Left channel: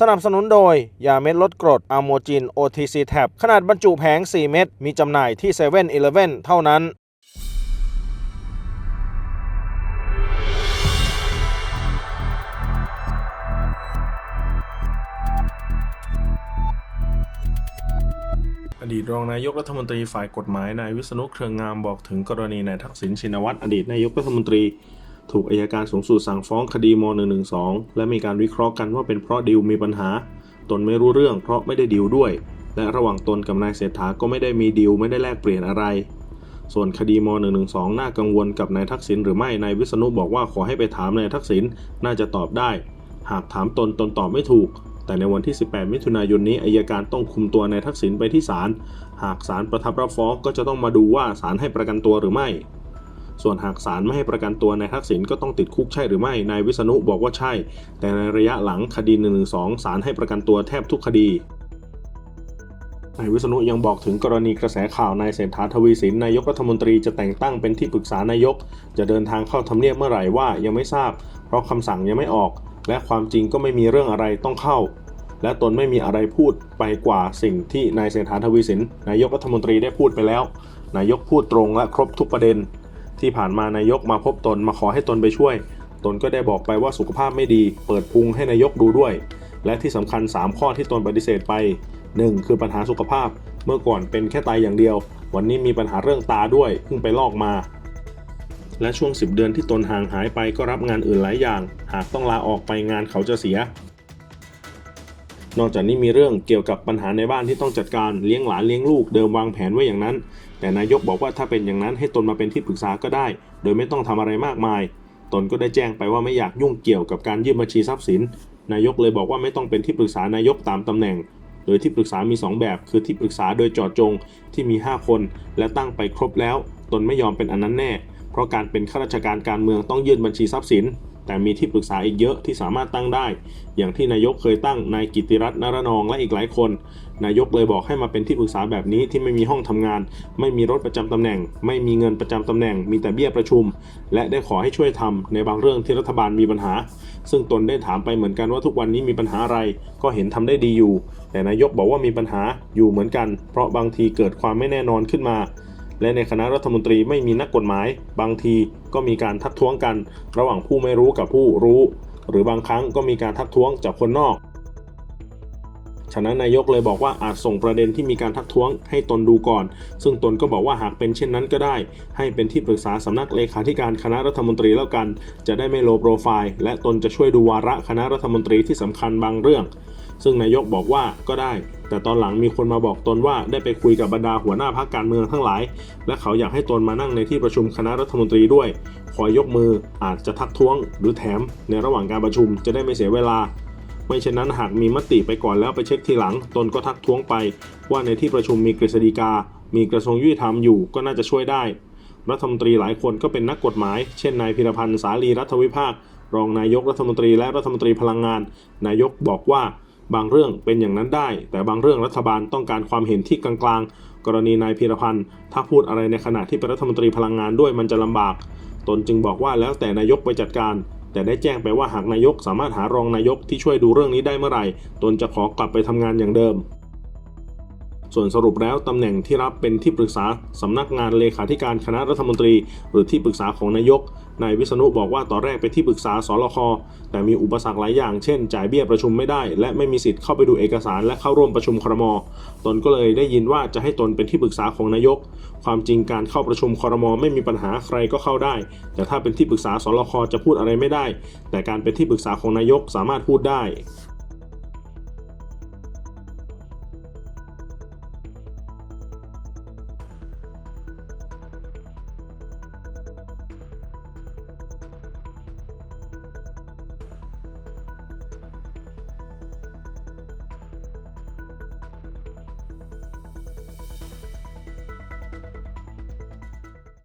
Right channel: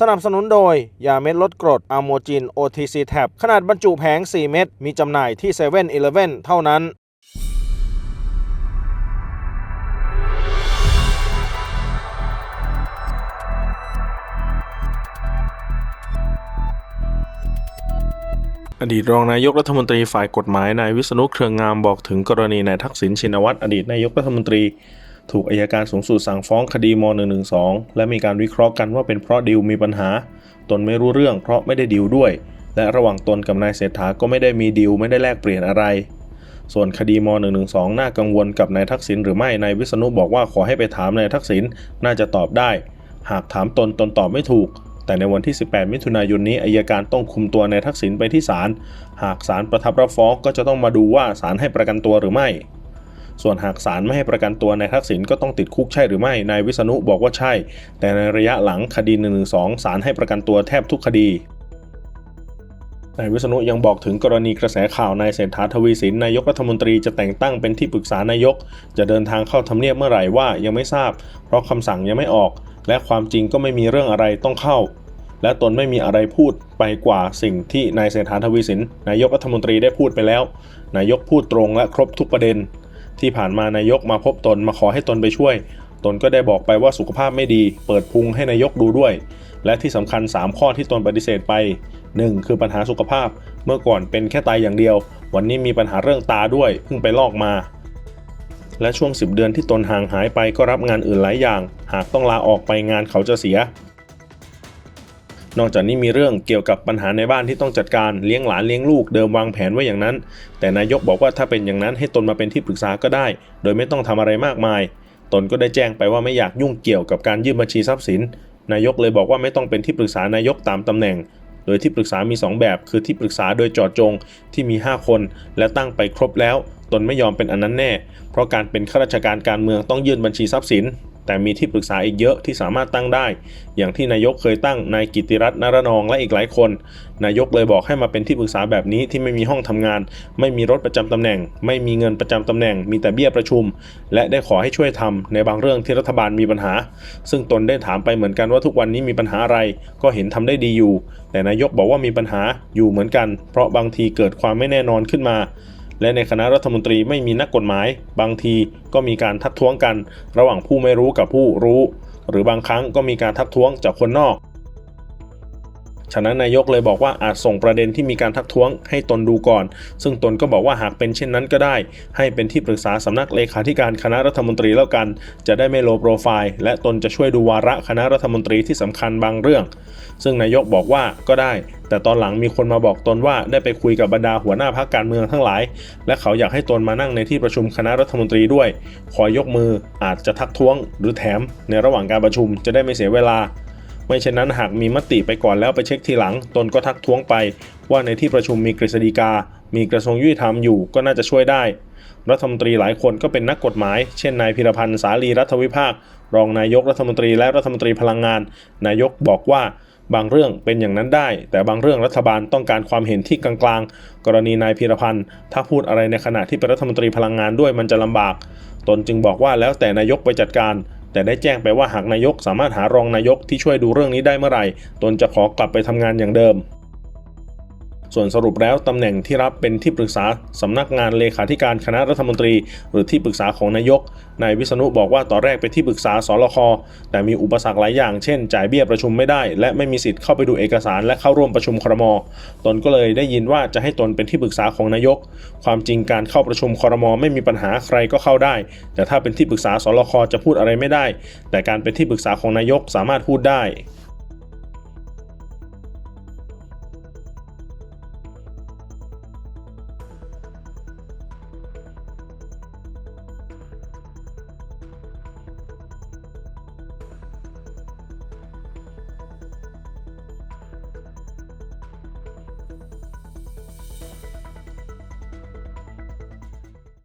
สนับสนุนโดย ยาเม็ดลดกรดอะโมจิน OTC Tab ขนาดบรรจุแผง 4 เม็ด มีจำหน่ายที่7 e เ e ่ e อเท่านั้น อดีตรองนายกรัฐมนตรีฝ่ายกฎหมายนายวิษณุเครืองงามบอกถึงกรณีนายทักษิณชินวัตรอดีตนายกรัฐมนตรี ถูกอายการสูงสุดสั่งฟ้องคดีม .112 และมีการวิเคราะห์กันว่าเป็นเพราะดิวมีปัญหา ตนไม่รู้เรื่องเพราะไม่ได้ดิวด้วย และระหว่างตนกับนายเศรษฐาก็ไม่ได้มีดิวไม่ได้แลกเปลี่ยนอะไร ส่วนคดีม .112 น่ากังวลกับนายทักษิณหรือไม่นายวิษณุบอกว่าขอให้ไปถามนายทักษิณน่าจะตอบได้ หากถามตนตนตอบไม่ถูกแต่ในวันที่ 18 มิถุนายนนี้อายการต้องคุมตัวนายทักษิณไปที่ศาล หากศาลประทับรับฟ้องก็จะต้องมาดูว่าศาลให้ประกันตัวหรือไม่ ส่วนหากศาลไม่ให้ประกันตัวนายทักษิณก็ต้องติดคุกใช่หรือไม่นายวิษณุบอกว่าใช่ แต่ในระยะหลังคดี1นึศาลให้ประกันตัวแทบทุกคดีนายวิษณุยังบอกถึงกรณีกระแสข่าวนายเศรษฐาทวีสินนายกรัฐมนตรีจะแต่งตั้งเป็นที่ปรึกษานายก จะเดินทางเข้าทำเนียบเมื่อไหร่ว่ายังไม่ทราบ เพราะคำสั่งยังไม่ออก และความจริงก็ไม่มีเรื่องอะไรต้องเข้า และตนไม่มีอะไรพูดไปกว่าสิ่งที่นายเศรษฐาทวีสินนายกรัฐมนตรีได้พูดไปแล้ว นายกพูดตรงและครบทุกประเด็น ที่ผ่านมานายกมาพบตนมาขอให้ตนไปช่วย ตนก็ได้บอกไปว่าสุขภาพไม่ดี เปิดพุงให้นายกดูด้วย และที่สำคัญ 3 ข้อที่ตนปฏิเสธไป 1. คือปัญหาสุขภาพ เมื่อก่อนเป็นแค่ไตอย่างเดียว วันนี้มีปัญหาเรื่องตาด้วยเพิ่งไปลอกมา และช่วง 10 เดือนที่ตนห่างหายไปก็รับงานอื่นหลายอย่าง หากต้องลาออกไปงานเขาจะเสีย นอกจากนี้มีเรื่องเกี่ยวกับปัญหาในบ้านที่ต้องจัดการเลี้ยงหลานเลี้ยงลูกเดิมวางแผนไว้อย่างนั้น แต่นายกบอกว่าถ้าเป็นอย่างนั้นให้ตนมาเป็นที่ปรึกษาก็ได้ โดยไม่ต้องทำอะไรมากมาย ตนก็ได้แจ้งไปว่าไม่อยากยุ่งเกี่ยวกับการยื่นบัญชีทรัพย์สิน นายกเลยบอกว่าไม่ต้องเป็นที่ปรึกษานายกตามตำแหน่ง โดยที่ปรึกษามี 2 แบบ คือที่ปรึกษาโดยจอดจงที่มี 5 คน และตั้งไปครบแล้ว ตนไม่ยอมเป็นอันนั้นแน่ เพราะการเป็นข้าราชการการเมืองต้องยื่นบัญชีทรัพย์สิน แต่มีที่ปรึกษาอีกเยอะที่สามารถตั้งได้ อย่างที่นายกเคยตั้งนายกิติรัตน์นารนองและอีกหลายคน นายกเลยบอกให้มาเป็นที่ปรึกษาแบบนี้ที่ไม่มีห้องทำงาน ไม่มีรถประจำตำแหน่ง ไม่มีเงินประจำตำแหน่ง มีแต่เบี้ยประชุม และได้ขอให้ช่วยทำในบางเรื่องที่รัฐบาลมีปัญหา ซึ่งตนได้ถามไปเหมือนกันว่าทุกวันนี้มีปัญหาอะไร ก็เห็นทำได้ดีอยู่ แต่นายกบอกว่ามีปัญหาอยู่เหมือนกัน เพราะบางทีเกิดความไม่แน่นอนขึ้นมา และในคณะรัฐมนตรีไม่มีนักกฎหมาย บางทีก็มีการทักท้วงกัน ระหว่างผู้ไม่รู้กับผู้รู้ หรือบางครั้งก็มีการทักท้วงจากคนนอก ฉะนั้นนายกเลยบอกว่าอาจส่งประเด็นที่มีการทักท้วงให้ตนดูก่อน ซึ่งตนก็บอกว่าหากเป็นเช่นนั้นก็ได้ ให้เป็นที่ปรึกษาสำนักเลขาธิการคณะรัฐมนตรีแล้วกัน จะได้ไม่โลโปรไฟล์ และตนจะช่วยดูวาระคณะรัฐมนตรีที่สำคัญบางเรื่อง ซึ่งนายกบอกว่าก็ได้ แต่ตอนหลังมีคนมาบอกตนว่าได้ไปคุยกับบรรดาหัวหน้าพักการเมืองทั้งหลาย และเขาอยากให้ตนมานั่งในที่ประชุมคณะรัฐมนตรีด้วย ขอยกมืออาจจะทักท้วง หรือแถมในระหว่างการประชุมจะได้ไม่เสียเวลา ไม่เช่นนั้นหากมีมติไปก่อนแล้วไปเช็คทีหลัง ตนก็ทักท้วงไป ว่าในที่ประชุมมีกฤษฎีกา มีกระทรวงยุติธรรมอยู่ก็น่าจะช่วยได้ รัฐมนตรีหลายคนก็เป็นนักกฎหมาย เช่นนายพิรพันธ์สาลีรัฐวิภาค รองนายกรัฐมนตรีและรัฐมนตรีพลังงาน นายกบอกว่าบางเรื่องเป็นอย่างนั้นได้ แต่บางเรื่องรัฐบาลต้องการความเห็นที่กลางๆ กรณีนายพิรพันธ์ถ้าพูดอะไรในขณะที่เป็นรัฐมนตรีพลังงานด้วยมันจะลำบาก ตนจึงบอกว่าแล้วแต่นายกไปจัดการ แต่ได้แจ้งไปว่าหากนายกสามารถหารองนายกที่ช่วยดูเรื่องนี้ได้เมื่อไหร่ตนจะขอกลับไปทำงานอย่างเดิม ส่วนสรุปแล้วตำแหน่งที่รับเป็นที่ปรึกษาสำนักงานเลขาธิการคณะรัฐมนตรี หรือที่ปรึกษาของนายก นายวิษณุบอกว่าตอนแรกไปที่ปรึกษาสลคแต่มีอุปสรรคหลายอย่างเช่น จ่ายเบี้ยประชุมไม่ได้ และไม่มีสิทธิ์เข้าไปดูเอกสารและเข้าร่วมประชุมครม ตนก็เลยได้ยินว่าจะให้ตนเป็นที่ปรึกษาของนายก ความจริงการเข้าประชุมครม ไม่มีปัญหาใครก็เข้าได้ แต่ถ้าเป็นที่ปรึกษาสลคจะพูดอะไรไม่ได้ แต่การเป็นที่ปรึกษาของนายกสามารถพูดได้